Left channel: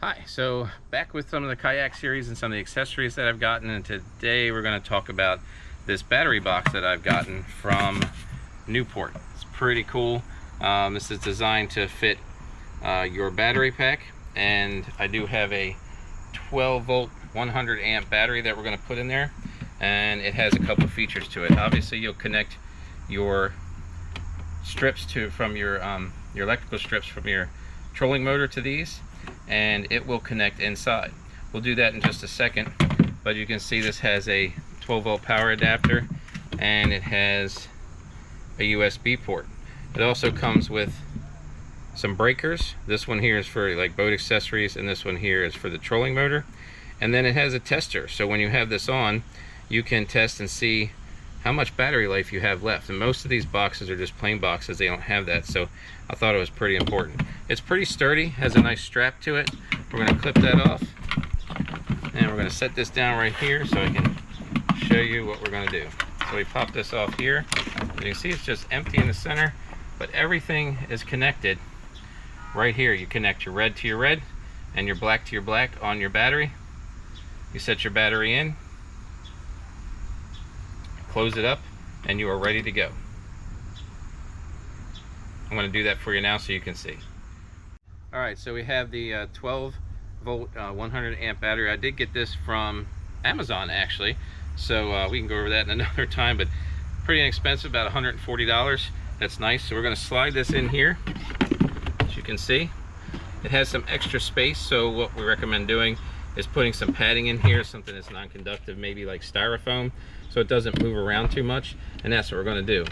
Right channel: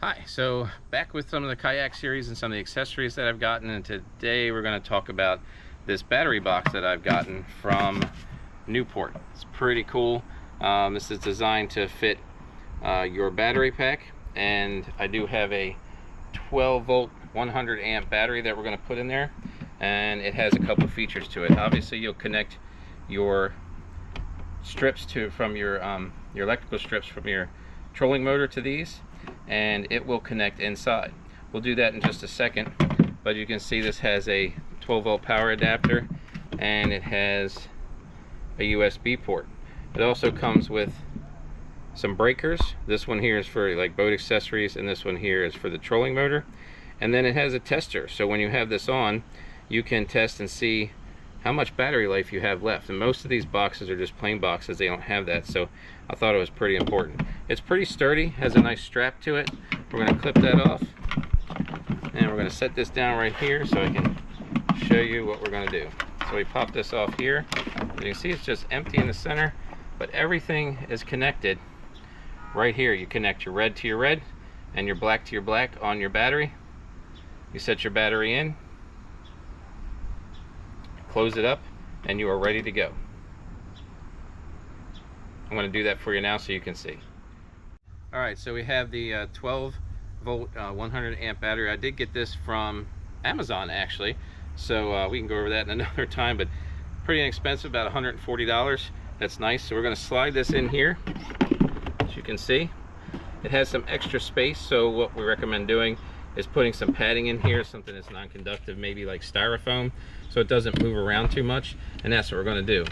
Hi, so back with some of the kayak series and some of the accessories that I've gotten, and today we're going to talk about this battery box that I've gotten from Newport. It's pretty cool. This is designed to fit your battery pack, and I do have a 12 volt 100 amp battery that we're going to put in there, and it has a couple of features to it. Obviously you'll connect your strips from your electrical strips from your trolling motor to these, and it will connect inside. We'll do that in just a second, but you can see this has a 12 volt power adapter and it has a USB port. It also comes with some breakers. This one here is for like boat accessories, and this one here is for the trolling motor. And then it has a tester, so when you have this on, you can test and see how much battery life you have left. And most of these boxes are just plain boxes, they don't have that, so I thought it was pretty important. It's pretty sturdy, has a nice strap to it. We're going to clip that off, and we're going to set this down right here so I can show you what we're going to do. So we pop this off here. As you can see, it's just empty in the center, but everything is connected right here. You connect your red to your red and your black to your black on your battery. You set your battery in, close it up, and you are ready to go. I'm going to do that for you now so you can see. Alright, so we have the 12 volt 100 amp battery. I did get this from Amazon actually, so we can go over that in another time, but pretty inexpensive, about $140. That's nice. So we're going to slide this in here. As you can see, it has some extra space, so what we recommend doing is putting some padding in here, something that's non-conductive, maybe like styrofoam, so it doesn't move around too much, and that's what we're going to do.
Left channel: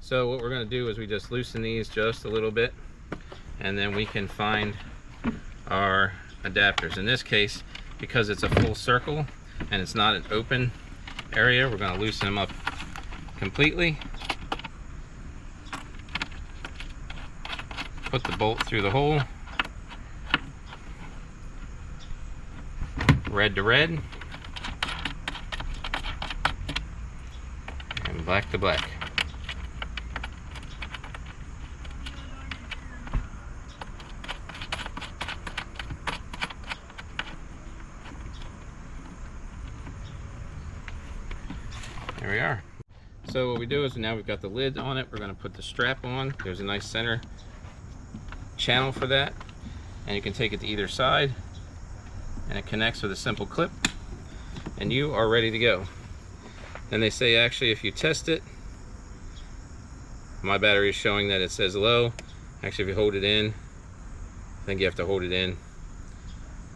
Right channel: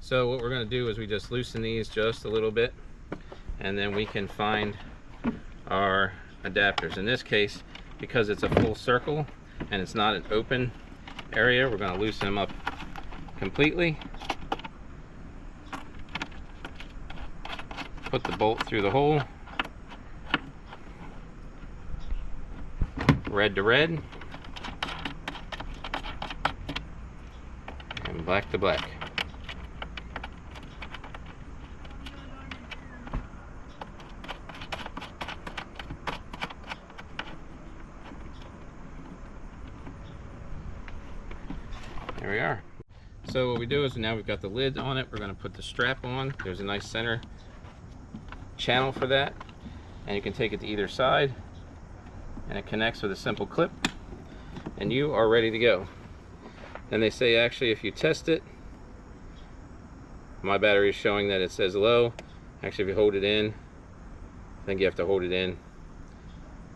So what we're going to do is we just loosen these just a little bit, and then we can find our adapters. In this case, because it's a full circle and it's not an open area, we're going to loosen them up completely. Put the bolt through the hole, red to red and black to black. There we are. So what we do is now we've got the lid on it, we're going to put the strap on. There's a nice center channel for that, and you can take it to either side, and it connects with a simple clip, and you are ready to go. And they say actually if you test it, my battery is showing that it says low. Actually, if you hold it in, I think you have to hold it in, it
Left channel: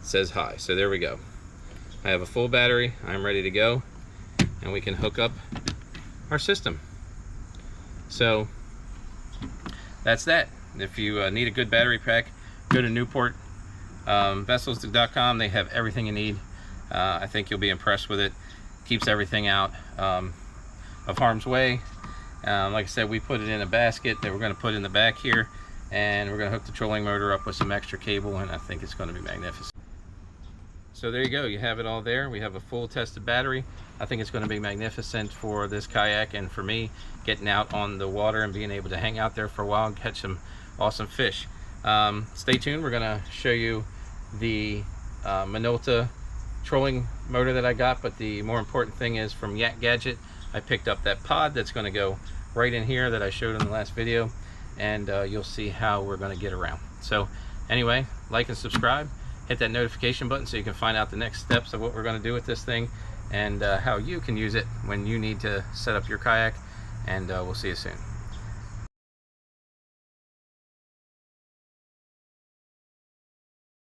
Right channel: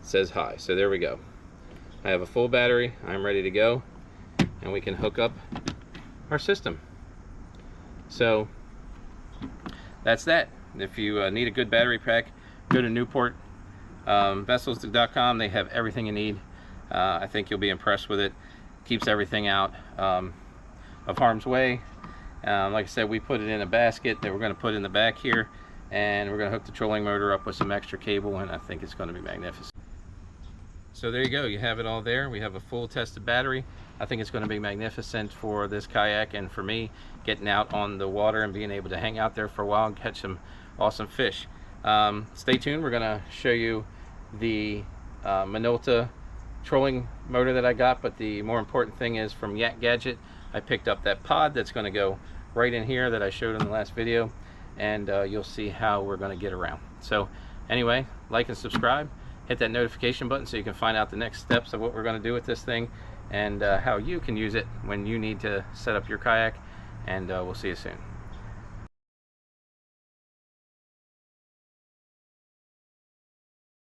says high. So there we go. I have a full battery, I'm ready to go, and we can hook up our system. So that's that. If you need a good battery pack, go to Newport vessels.com. They have everything you need. I think you'll be impressed with it. Keeps everything out of harm's way. Like I said, we put it in a basket that we're going to put in the back here, and we're going to hook the trolling motor up with some extra cable, and I think it's going to be magnificent. So there you go, you have it all there. We have a full tested battery. I think it's going to be magnificent for this kayak, and for me getting out on the water and being able to hang out there for a while and catch some awesome fish. Stay tuned, we're going to show you the Minolta trolling motor that I got, but the more important thing is from Yak Gadget, I picked up that pod that's going to go right in here that I showed in the last video, and you'll see how we're going to get around. So anyway, like and subscribe, hit that notification button so you can find out the next steps of what we're going to do with this thing, and how you can use it when you need to set up your kayak, and we'll see you soon.